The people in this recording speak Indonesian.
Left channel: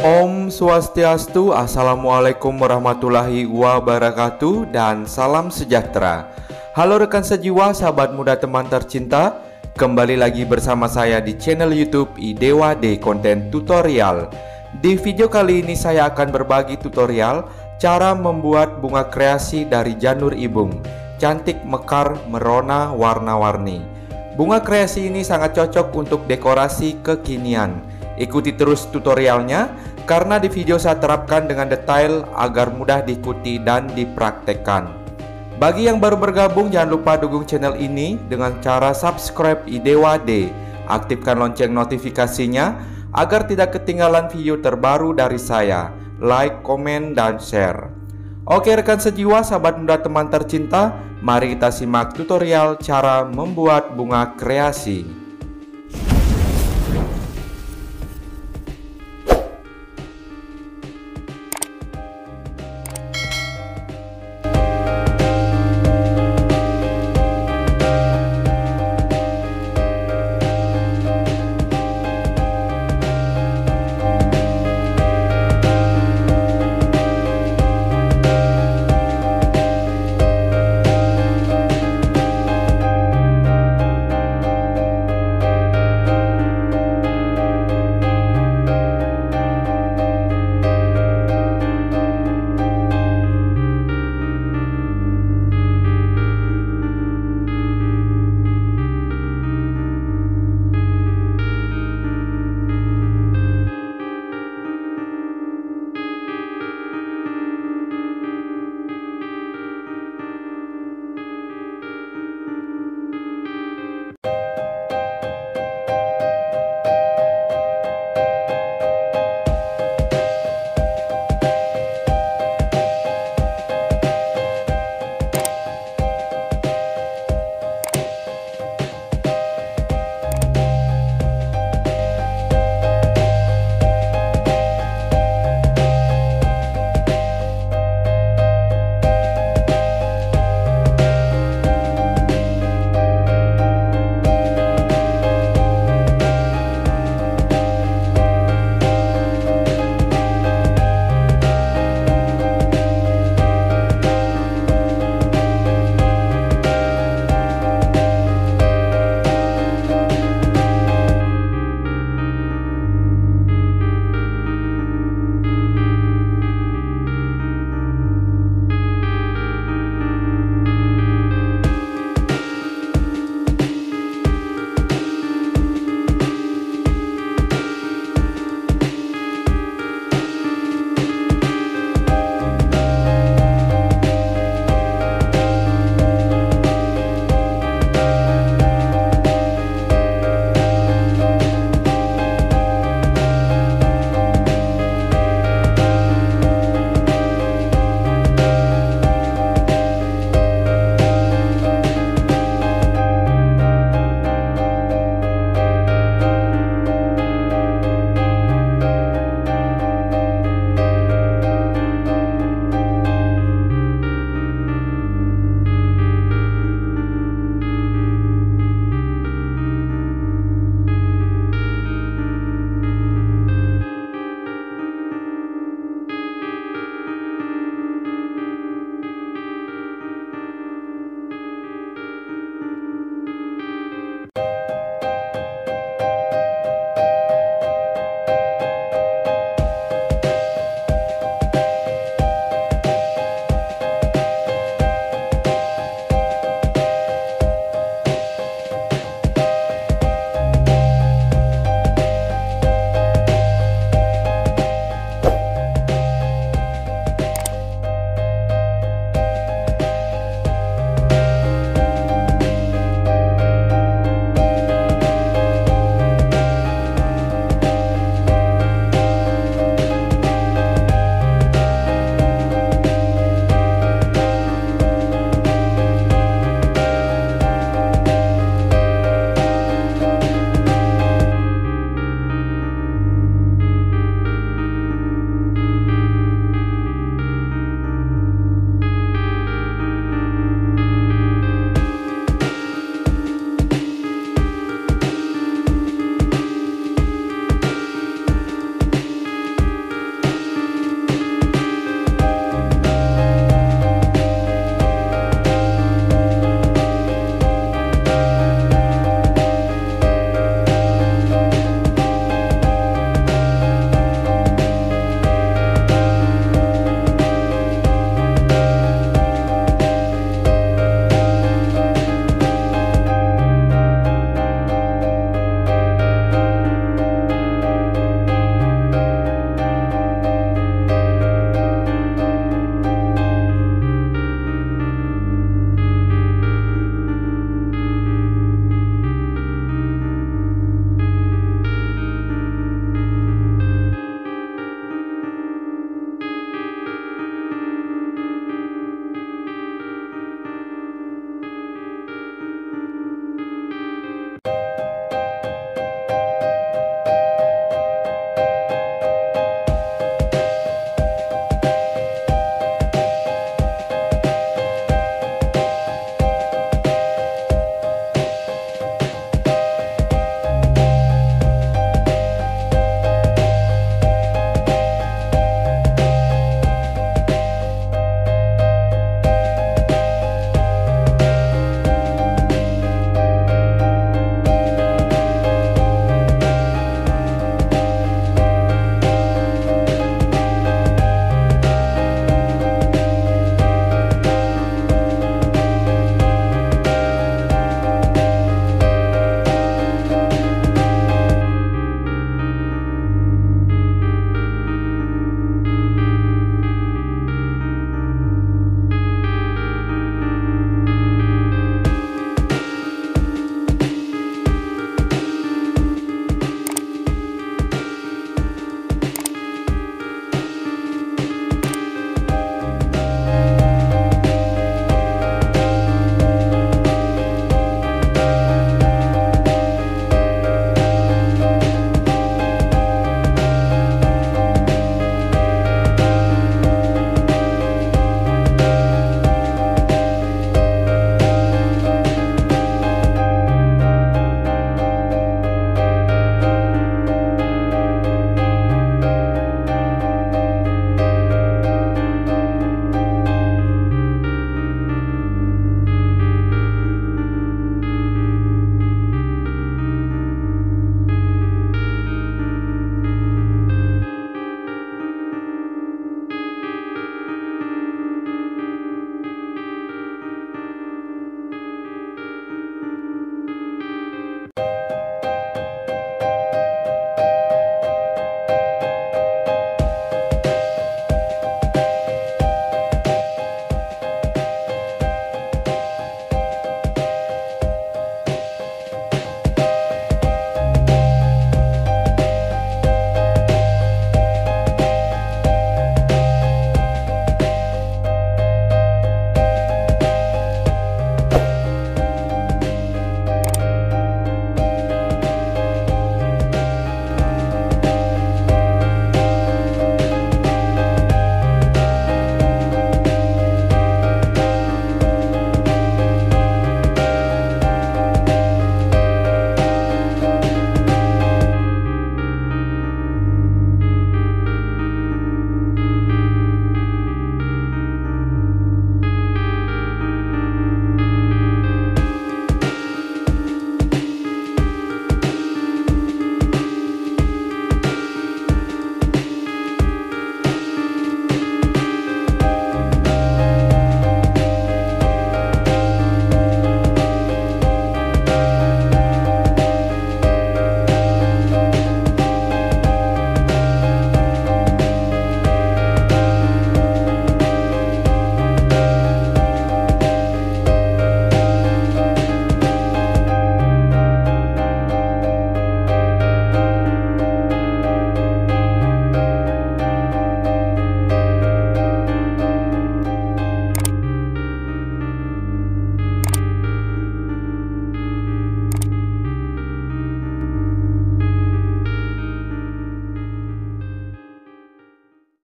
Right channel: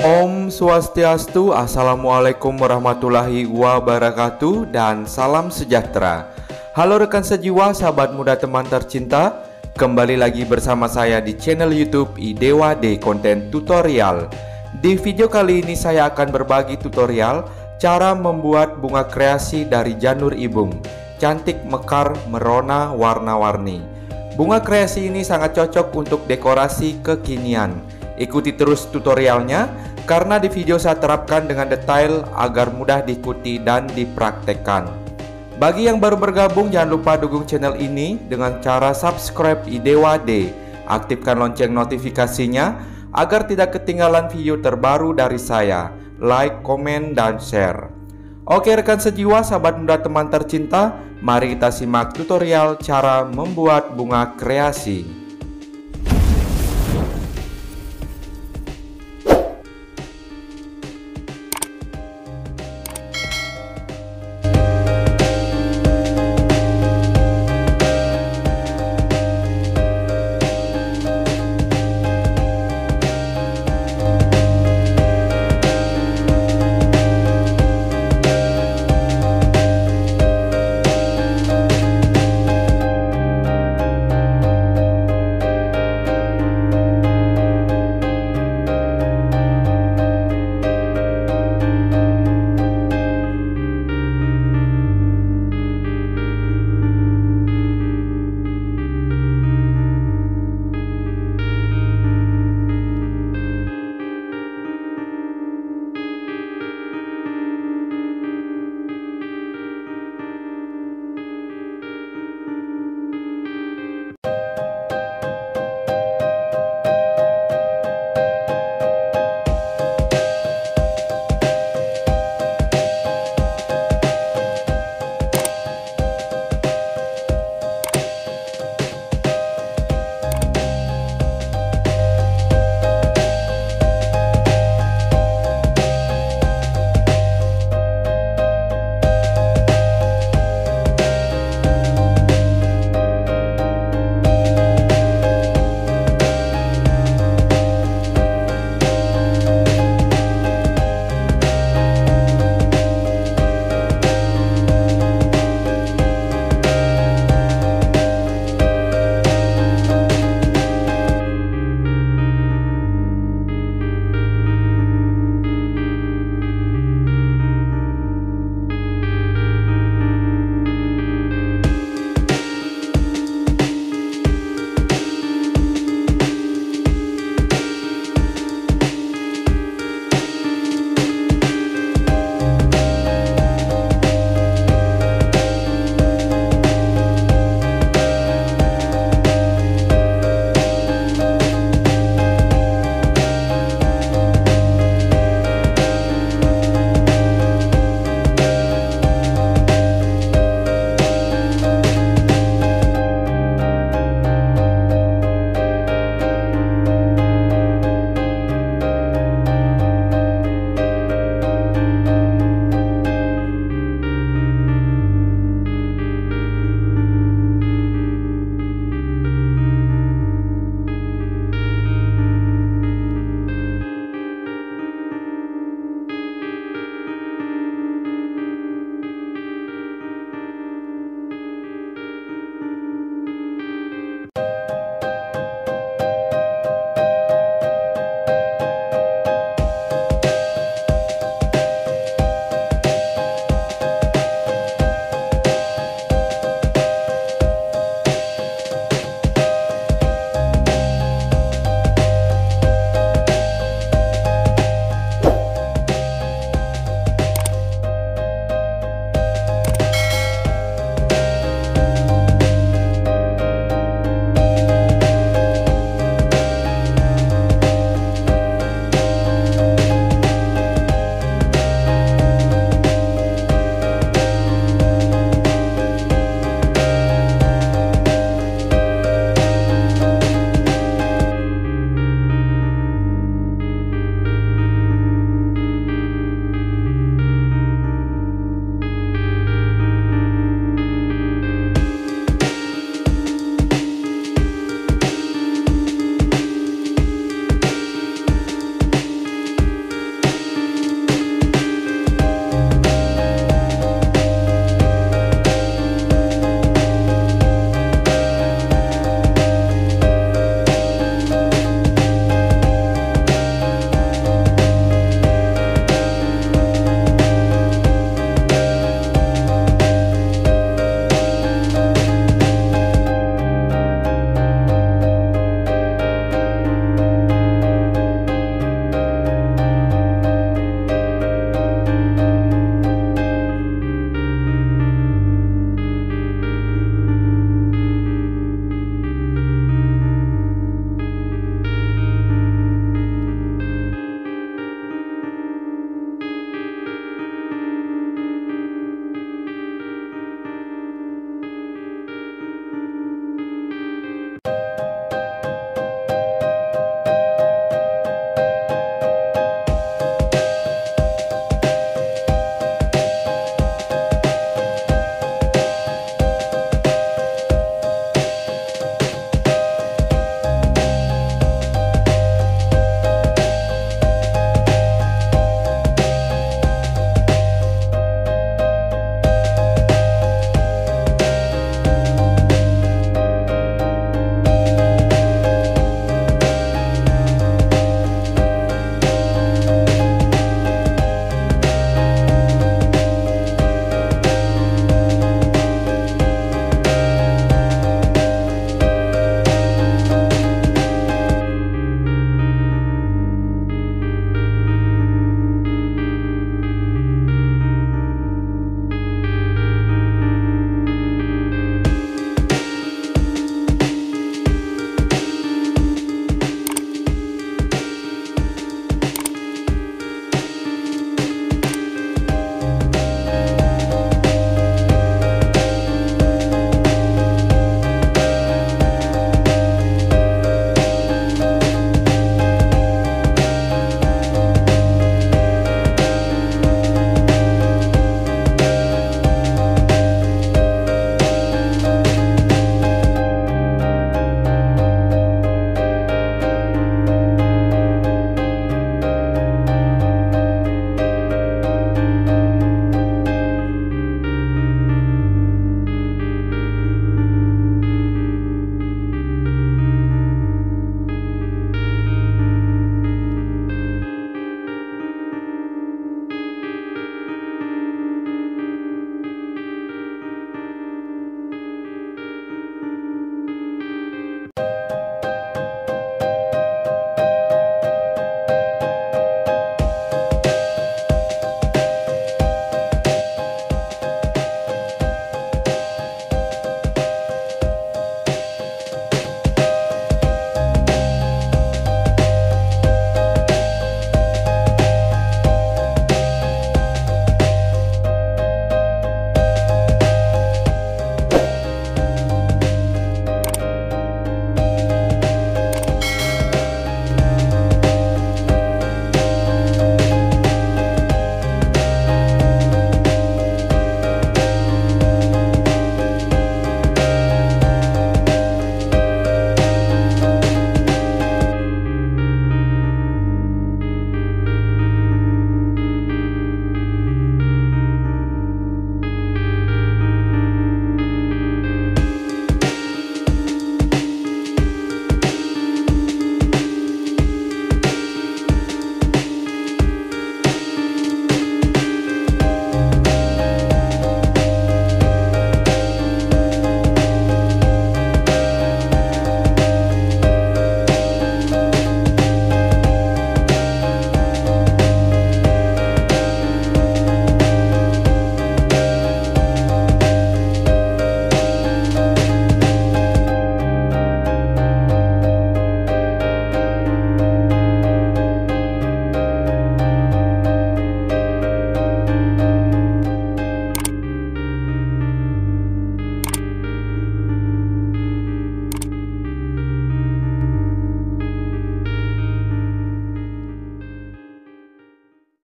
Om Swastiastu, Assalamu'alaikum warahmatullahi wabarakatuh, dan salam sejahtera. Halo rekan sejiwa, sahabat muda, teman tercinta. Kembali lagi bersama saya di channel YouTube Idewa D Konten Tutorial. Di video kali ini saya akan berbagi tutorial cara membuat bunga kreasi dari janur ibung. Cantik, mekar, merona, warna-warni. Bunga kreasi ini sangat cocok untuk dekorasi kekinian. Ikuti terus tutorialnya, karena di video saya terapkan dengan detail agar mudah diikuti dan dipraktekkan. Bagi yang baru bergabung, jangan lupa dukung channel ini dengan cara subscribe Idewa D. Aktifkan lonceng notifikasinya agar tidak ketinggalan video terbaru dari saya. Like, komen, dan share. Oke rekan sejiwa, sahabat muda, teman tercinta, mari kita simak tutorial cara membuat bunga kreasi.